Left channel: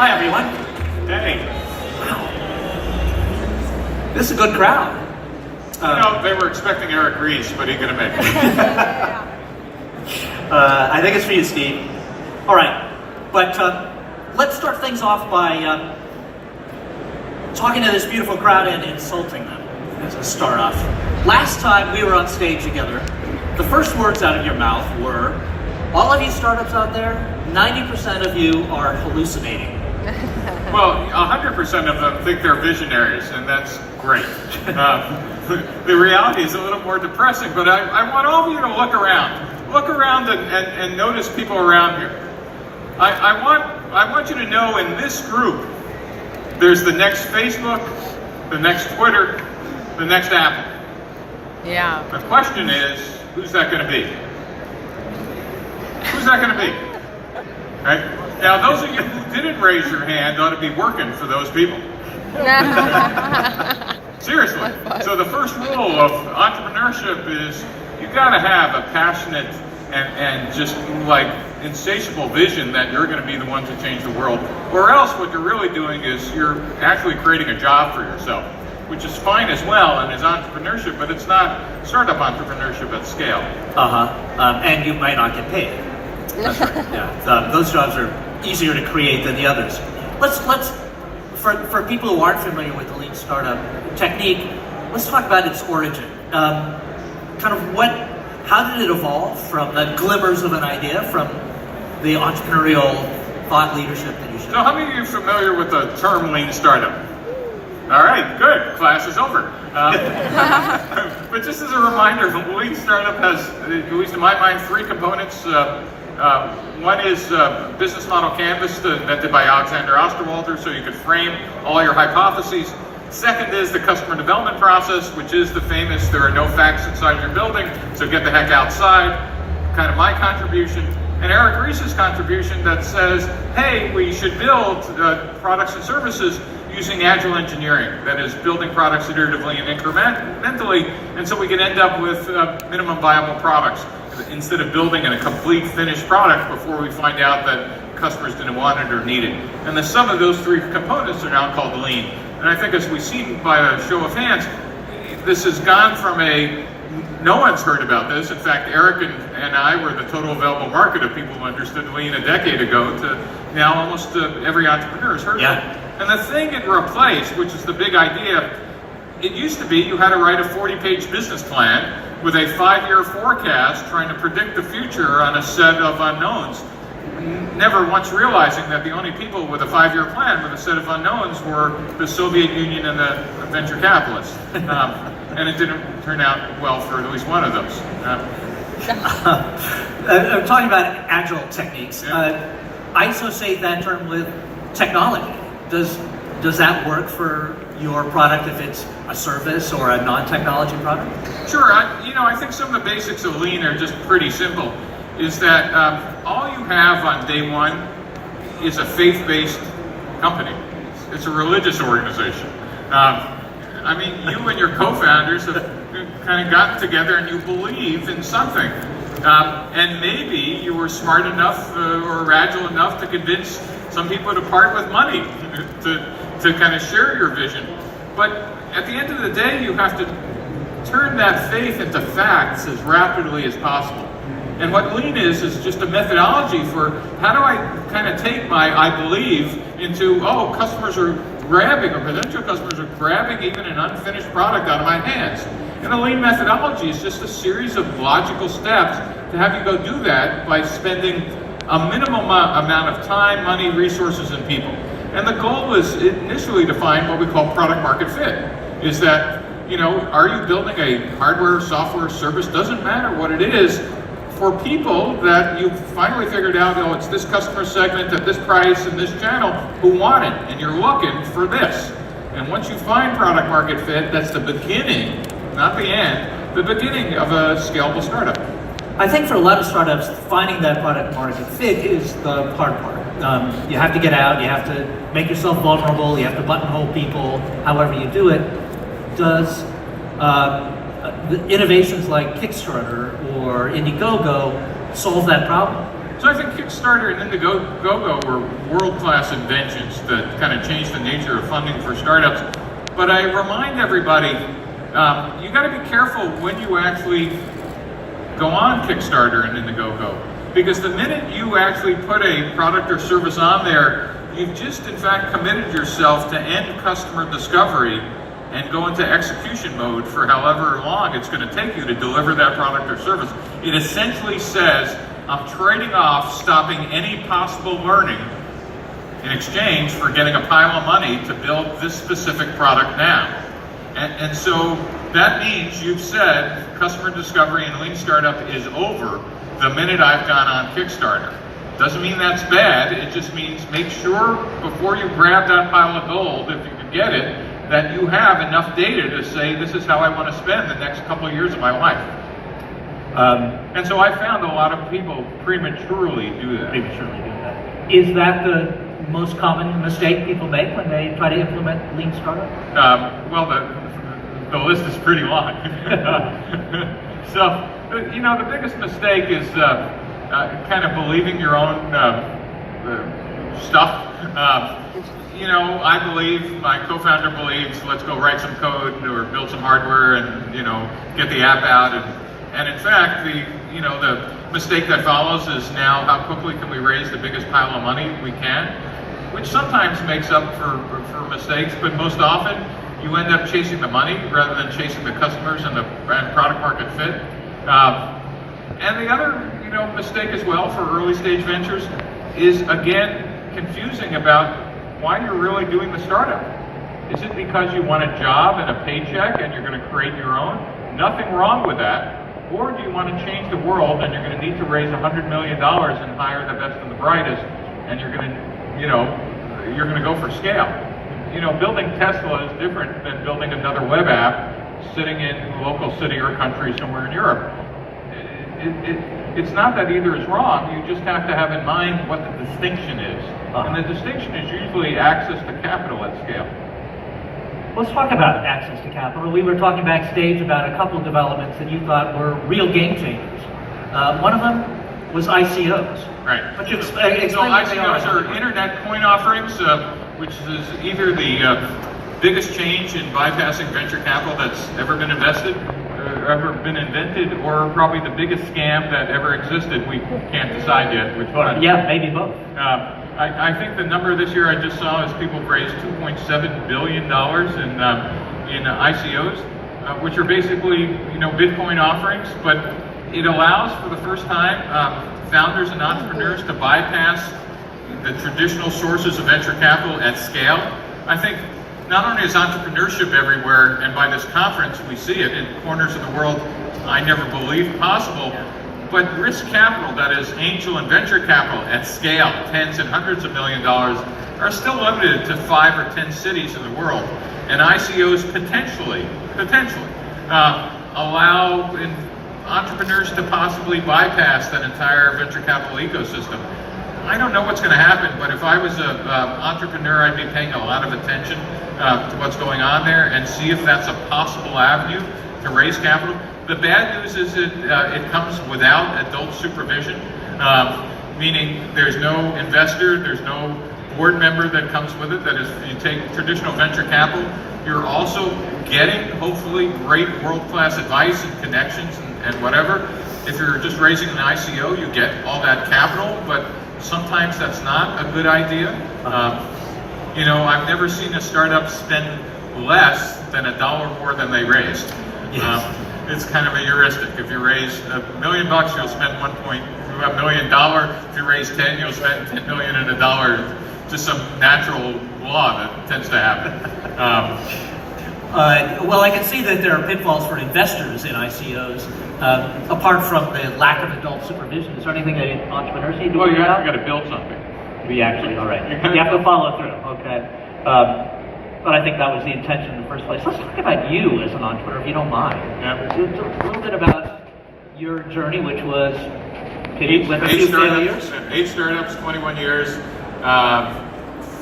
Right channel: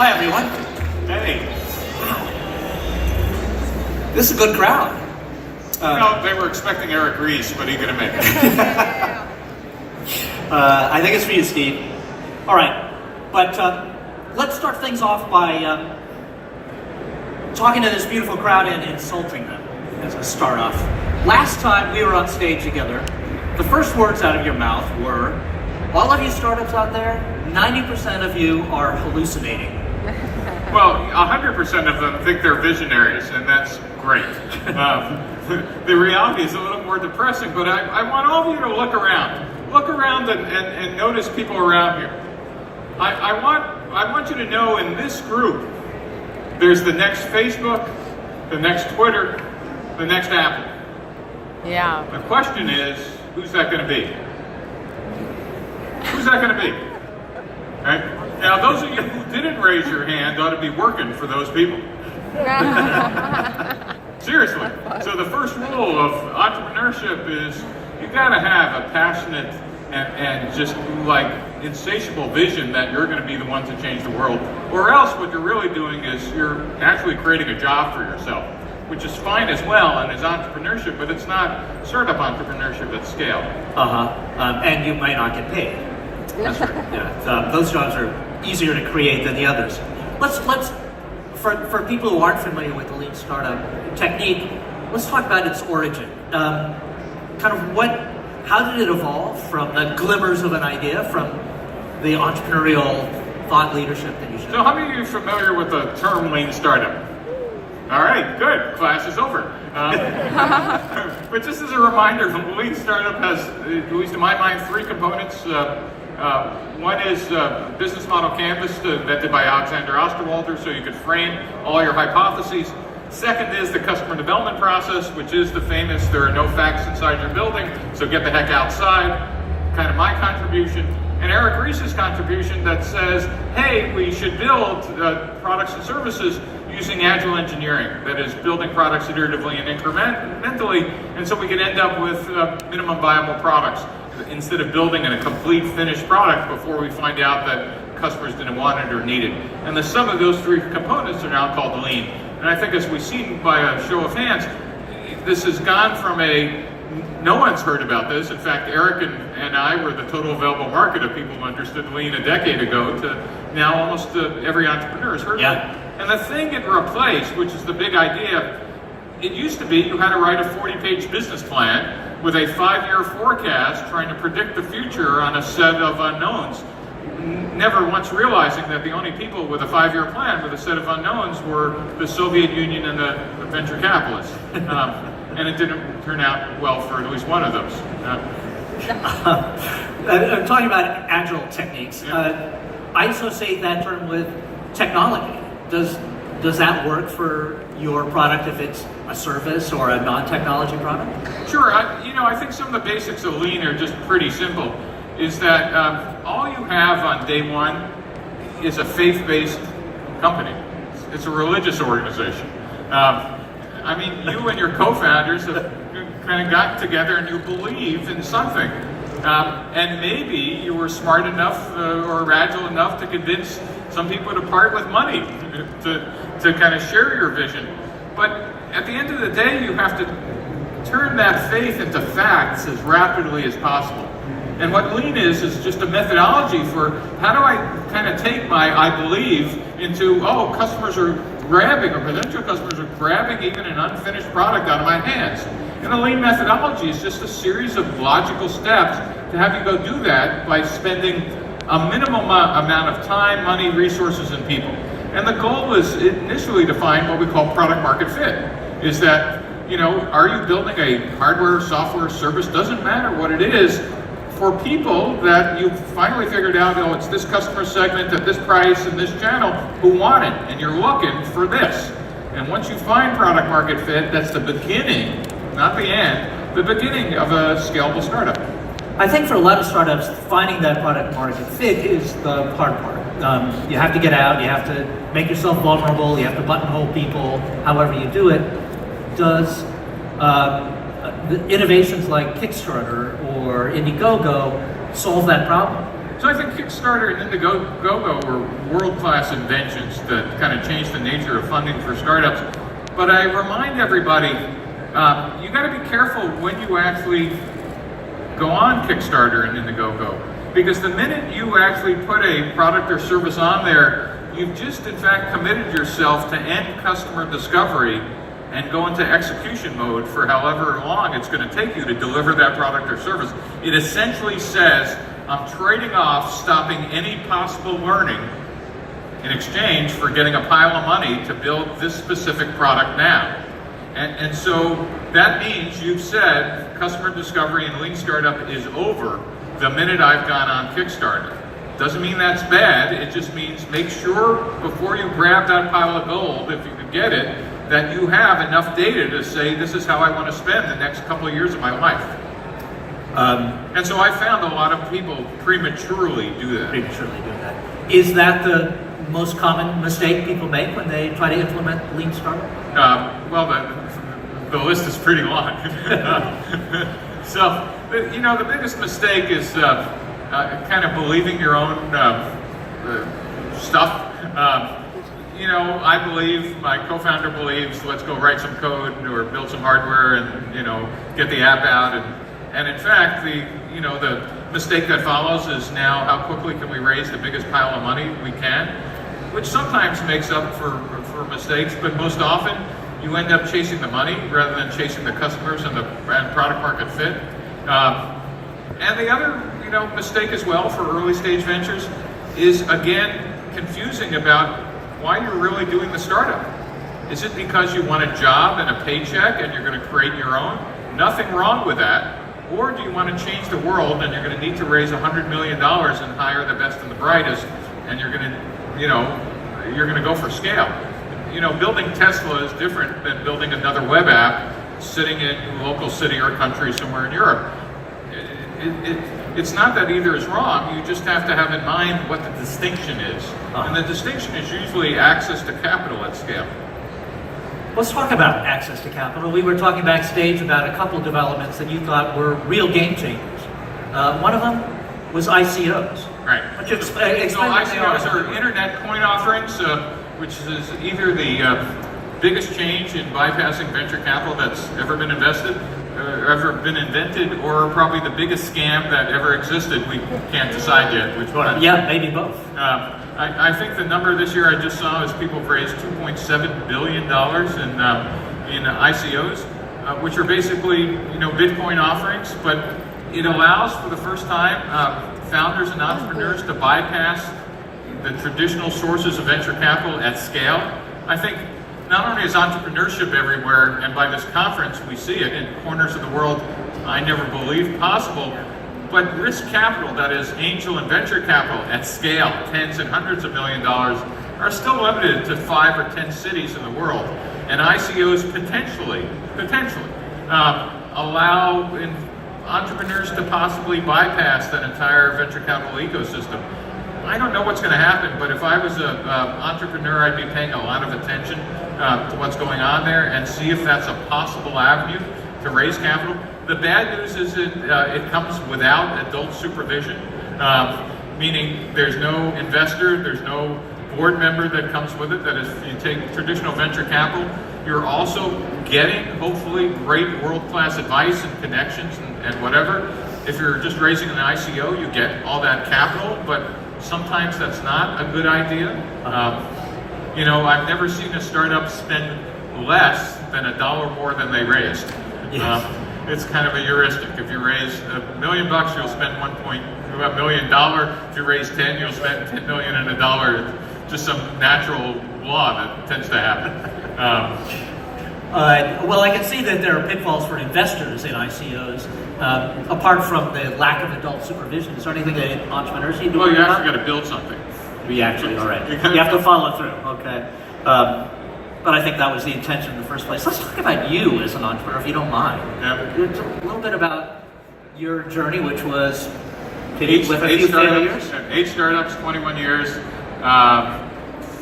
Hi, everyone. Hey. This is a good crowd. They were expecting Eric Ries, but he couldn't make it. I think it's for you, Steve. All right, but let's start things off by talking to this beautiful crowd and insulting them as a start off. Last time we were on stage together, the first words out of your mouth were, all of you startups out there, 90% of you are hallucinating. Well, 100% of them think they're visionaries, and that's great. The reality is a little more depressing, but I want all of you to look around. Look around and notice people around here. I want you to know in this group, there's the next Facebook, the next Twitter, the next Apple. Yeah. The question is, who's that going to be? Who's that going to be? Right? Now, those of you who didn't raise your hand ought to be working for those people. Seriously. So the first rule of entrepreneurship is you got to have a passionate and just like insatiable vision that you're going to be the one to change the world, or else what you're really doing is you're actually creating a job for yourself, which is fine as well and is entrepreneurship, but it's not startup entrepreneurship at scale. And you might not get paid. That's right. Yeah, those jobs are easier to create than the others. Let's for people who aren't familiar with the lean startup technique, let's talk about its origin. How did it evolve from the glimmers of an idea, from the entrepreneurial thought leadership that you showed? So how many of you are familiar with the term lean startup? All right, good. Class is over. But just as a reminder, the lean startup has, at least in my mind, three components. One is business model canvas invented by Alexander Osterwalder, so you could frame all your hypotheses. Second is the customer development process, which is the famous there are no facts inside your building, so get the heck outside, kind of my contribution. And Eric Ries's contribution that says, hey, we should build products and services using agile engineering, that is building products iteratively and incrementally, and so we can end up with minimum viable products instead of building a complete finished product before we find out that customers didn't want it or need it. And the sum of those three components are now called lean. And I think as we see by a show of hands, this has gone from no one's heard about this. In fact, Eric and I were the total available market of people who understood lean a decade ago to now almost every entrepreneur has heard of it. And the thing it replaced, which is the big idea, it used to be you had to write a 40-page business plan with a 5-year forecast trying to predict the future on a set of unknowns, never once realizing that the only people with a 5-year plan with a set of unknowns were the Soviet Union and the venture capitalists. And it didn't turn out well for at least one of those. I'm talking about agile techniques. I associate that term with technology. Does that work for your product if it's a service or a non-technology product? Sure. I think some of the basics of lean are just pretty simple. Is that all you have on day one is a faith-based company. It's a religious organization. You and your co-founders have kind of gotten together and you believe in something. And maybe you were smart enough or agile enough to convince some people to part with money to kind of share your vision. But at the end of the day, you have to turn that faith into facts as rapidly as possible. And what lean is just a methodology for how do I kind of take my I believe into, customers are grabbing, or potential customers are grabbing even an unfinished product out of my hands. And a lean methodology is just a series of logical steps to have you go do that by spending a minimum amount of time, money, resources, and people. And the goal is initially to find what we call product market fit. Is that, are you building a hardware, software, service, doesn't matter what it is, for people that you've finally figured out, it's this customer segment at this price and this channel who want it, and you're looking for this. And once you find product market fit, that's the beginning, not the end, the beginning of a scalable startup. I think for a lot of startups, finding that product market fit is the hard part. You have to get out, you have to make yourself vulnerable, you have to buttonhole people, however you do it. Does innovations like Kickstarter or Indiegogo solve that problem? So I think Kickstarter and Indiegogo were world-class inventions that kind of changed the nature of funding for startups. But I remind everybody, you got to be careful when you actually go on Kickstarter and Indiegogo, because the minute you actually put a product or service on there, you've just in fact committed yourself to end customer discovery and go into execution mode for however long it's going to take you to deliver that product or service. It essentially says, I'm trading off stopping any possible learning in exchange for getting a pile of money to build this specific product now. And so that means you've said customer discovery and lean startup is over the minute I've gone on Kickstarter. Doesn't mean that's bad, it just means make sure before you grab that pile of gold, if you can get it, that you have enough data to say this is how I want to spend the next couple of years of my life. And so I found a lot of people prematurely do that. Is that the most common mistake people make when they try to implement lean startup? Well, the list is pretty long. So, you know, the biggest mistake is kind of believing your own stuff. You know, I believe, my co-founder believes, let's go write some code or build some hardware and, you know, get the app out. And in fact, the mistake that follows is now how quickly can we raise the biggest pile of money we can, which sometimes makes up for mistakes, but most often you end up chasing the money rather than chasing the customers and the product market fit. And the other, you know, mistake as well for early stage ventures is, again, confusing about why you're really doing the startup. Is it because you want a job and a paycheck and you're going to create your own? Nothing wrong with that. Or do you want to change the world and you're going to need to raise $100 million and hire the best and the brightest, and you're going to, you know, you're going to go for scale. You know, building Tesla is different than building another web app sitting in a local city or country somewhere in Europe. It's not that either is wrong, you just have to have in mind what the distinction is. And the distinction is usually access to capital at scale. Let's talk about access to capital. We were talking backstage about a couple of developments that you thought were real game changers. One of them was ICOs. Right. So ICOs are internet coin offerings, which is either the biggest change in bypassing venture capital that's ever been invested, ever been invented, or probably the biggest scam that ever existed. We can't decide yet which one. Yeah, maybe both. I think the number this year I just saw is people have raised $2.7 billion in ICOs, which are basically, you know, Bitcoin offerings, but it allows for the first time founders and entrepreneurs to bypass the traditional sources of venture capital at scale. I think not only is entrepreneurship everywhere, and by this conference we see it in corners of the world I never believed possible, but risk capital, that is angel and venture capital at scale, tens and hundreds of $millions, are still limited to 5 or 10 cities in the world. And ICOs potentially allow entrepreneurs to possibly bypass that entire venture capital ecosystem. I don't know what's going to happen, but if I was an entrepreneur, I'd be paying a lot of attention to what's going on there and see if that's a possible avenue to raise capital. The bad news is that it comes without adult supervision, meaning there's no investor, there's no board member that comes with it. That is, you take traditional venture capital, you're also getting, hopefully, great world-class advice and connections and whatever. If you're just raising an ICO, you get all that capital, but sometimes that's not a good idea. You know, I've never seen a startup spend less than $1 more than they raised. Yes. It's kind of a heuristic. If you raise $1 million, you'll spend $1 million. If you raise 10, you'll spend $10 million and $1. Just some natural law that tends to happen. Well, I can see that there are pitfalls for investors in ICOs. Apart from the lack of adult supervision, is there anything that entrepreneurs need to Well, you worry actually about? got to build something. We actually, all right. You have to follow through, okay. But I think that was the intention in the first place. Let's talk about you as an entrepreneur, if you don't mind. Yeah. A little bit about your journey, which was with a eight few startups, failures. 8 startups, 21 years.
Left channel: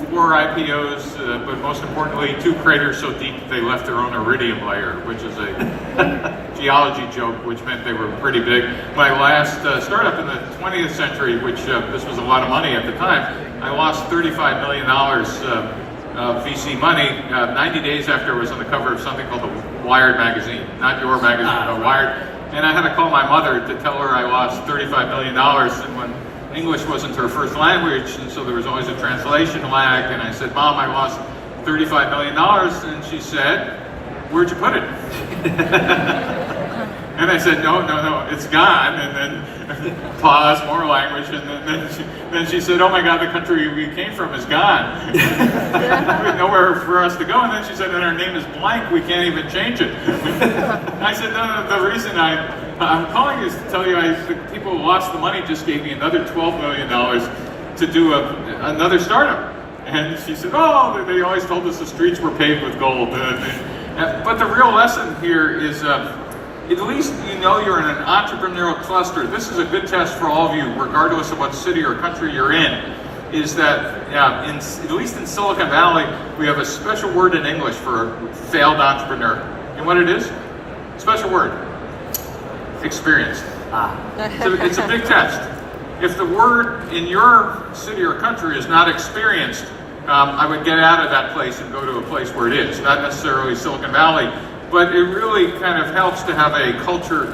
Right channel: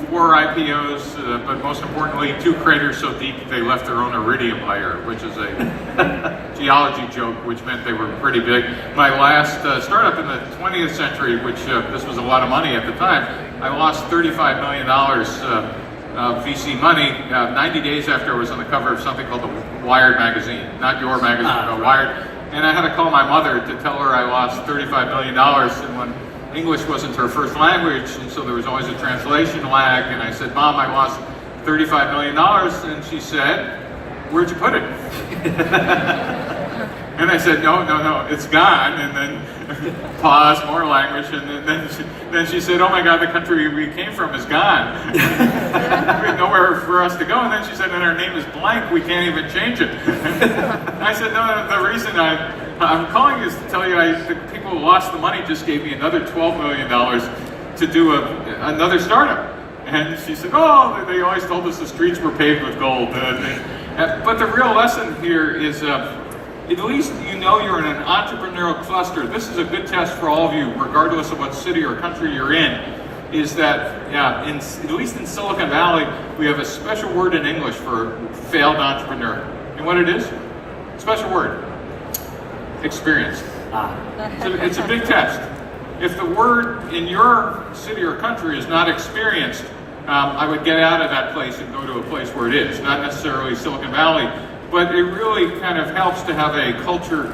4 IPOs, but most importantly, 2 craters so deep they left their own iridium layer, which is a geology joke, which meant they were pretty big. My last startup in the 20th century, which this was a lot of money at the time, I lost $35 million of VC money 90 days after I was on the cover of something called the Wired magazine, not your magazine, but Wired. And I had to call my mother to tell her I lost $35 million, and when English wasn't her first language, and so there was always a translation lag, and I said, Mom, I lost $35 million, and she said, where'd you put it? And I said, no, it's gone, and then pause, more language, and then she said, oh my God, the country we came from is gone. There's nowhere for us to go, and then she said, and our name is blank, we can't even change it. I said, no, the reason I'm calling is to tell you the people who lost the money just gave me another $12 million to do another startup. And she said, oh, they always told us the streets were paved with gold. But the real lesson here is, at least you know you're in an entrepreneurial cluster. This is a good test for all of you, regardless of what city or country you're in, is that, at least in Silicon Valley, we have a special word in English for a failed entrepreneur. And what it is? Special word. Experience. So it's a big test. If the word in your city or country is not experienced, I would get out of that place and go to a place where it is. Not necessarily Silicon Valley, but it really kind of helps to have a culture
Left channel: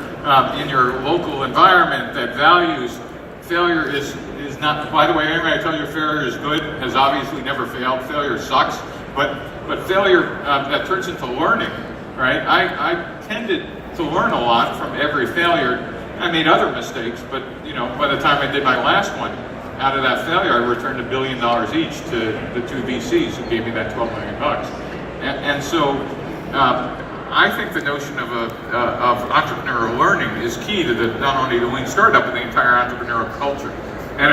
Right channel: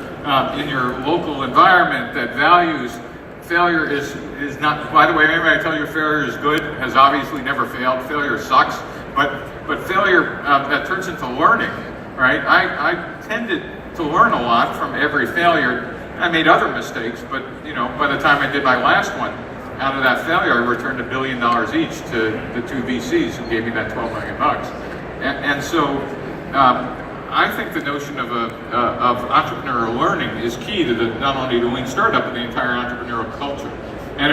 in your local environment that values failure is not, by the way, anybody tell you failure is good has obviously never failed. Failure sucks, but failure that turns into learning, right? I tended to learn a lot from every failure. I made other mistakes, but by the time I did my last one, out of that failure, I returned $1 billion each to the 2 VCs who gave me that $12 million. And so I think the notion of entrepreneurial learning is key to not only the lean startup, but the entire entrepreneurial culture. And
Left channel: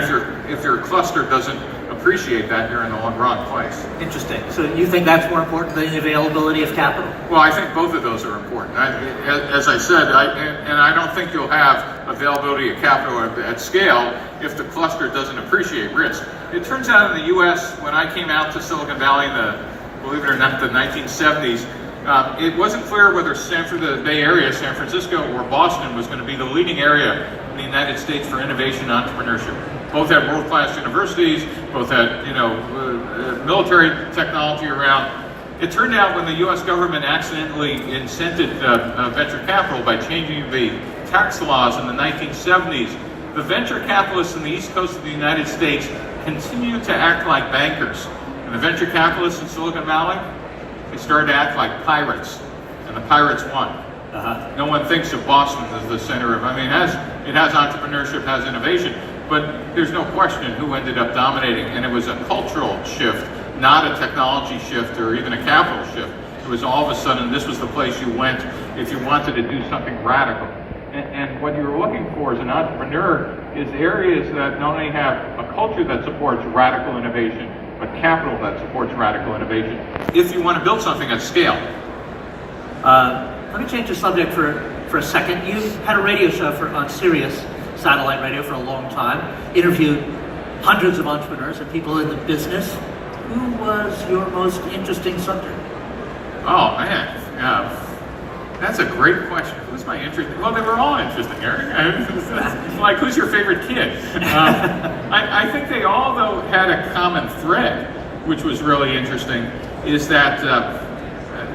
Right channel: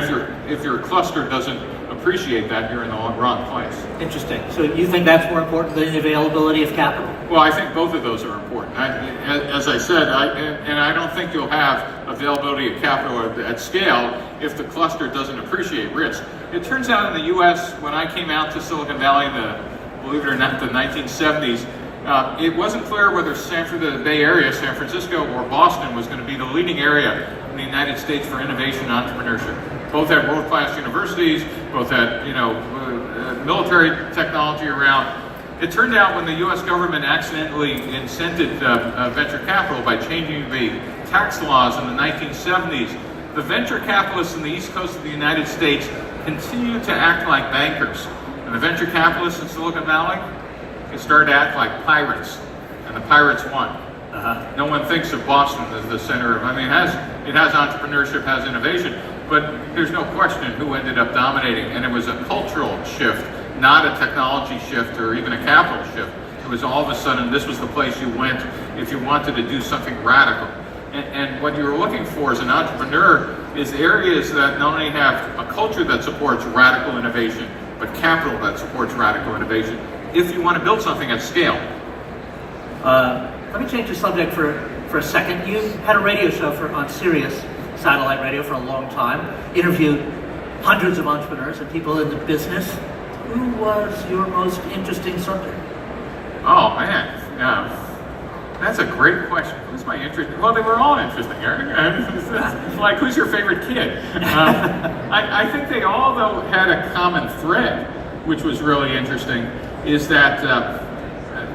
if your cluster doesn't appreciate that, you're in the wrong place. Interesting. So you think that's more important than the availability of capital? Well, I think both of those are important. As I said, I don't think you'll have availability of capital at scale if the cluster doesn't appreciate risk. It turns out in the U.S., when I came out to Silicon Valley in believe it or not, the 1970s, it wasn't clear whether Stanford, the Bay Area, San Francisco, or Boston was going to be the leading area in the United States for innovation and entrepreneurship. Both had world-class universities, both had military technology around. It turned out when the U.S. government accidentally incented venture capital by changing the tax laws in the 1970s, the venture capitalists in the East Coast of the United States continued to act like bankers. And the venture capitalists in Silicon Valley, they started to act like pirates, and the pirates won. No one thinks of Boston as the center of, it has entrepreneurship, has innovation, but there's no question who ended up dominating, and it was a cultural shift, not a technology shift or even a capital shift. It was all of a sudden, this was the place you went if you wanted to do something radical. And what you're looking for as an entrepreneur is areas that not only have a culture that supports radical innovation, but capital that supports radical innovation, if you want to build something at scale. Let me change the subject for a second. You had a radio show on Sirius satellite radio for a long time, interviewed hundreds of entrepreneurs and people in the business. Who was your most interesting subject? Oh man, yeah. That's a great question. Who's my interesting? Well, they were all interesting, Eric. It's like, who's your favorite kid? I think they all, though, had a common thread, which was really interesting, is that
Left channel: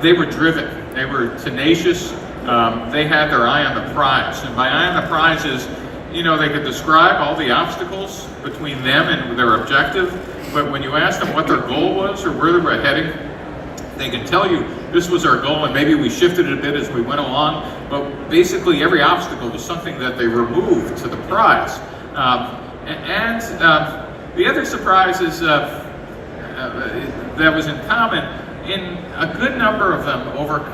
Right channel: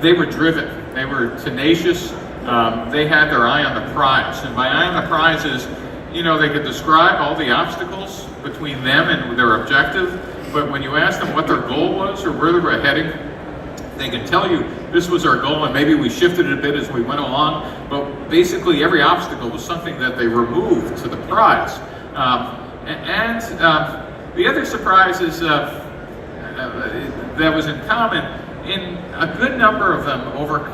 they were driven. They were tenacious. They had their eye on the prize. And by eye on the prize is, they could describe all the obstacles between them and their objective, but when you asked them what their goal was or where they were heading, they can tell you this was our goal, and maybe we shifted it a bit as we went along, but basically every obstacle was something that they removed to the prize. The other surprise is that was in common, in a good number of them overcame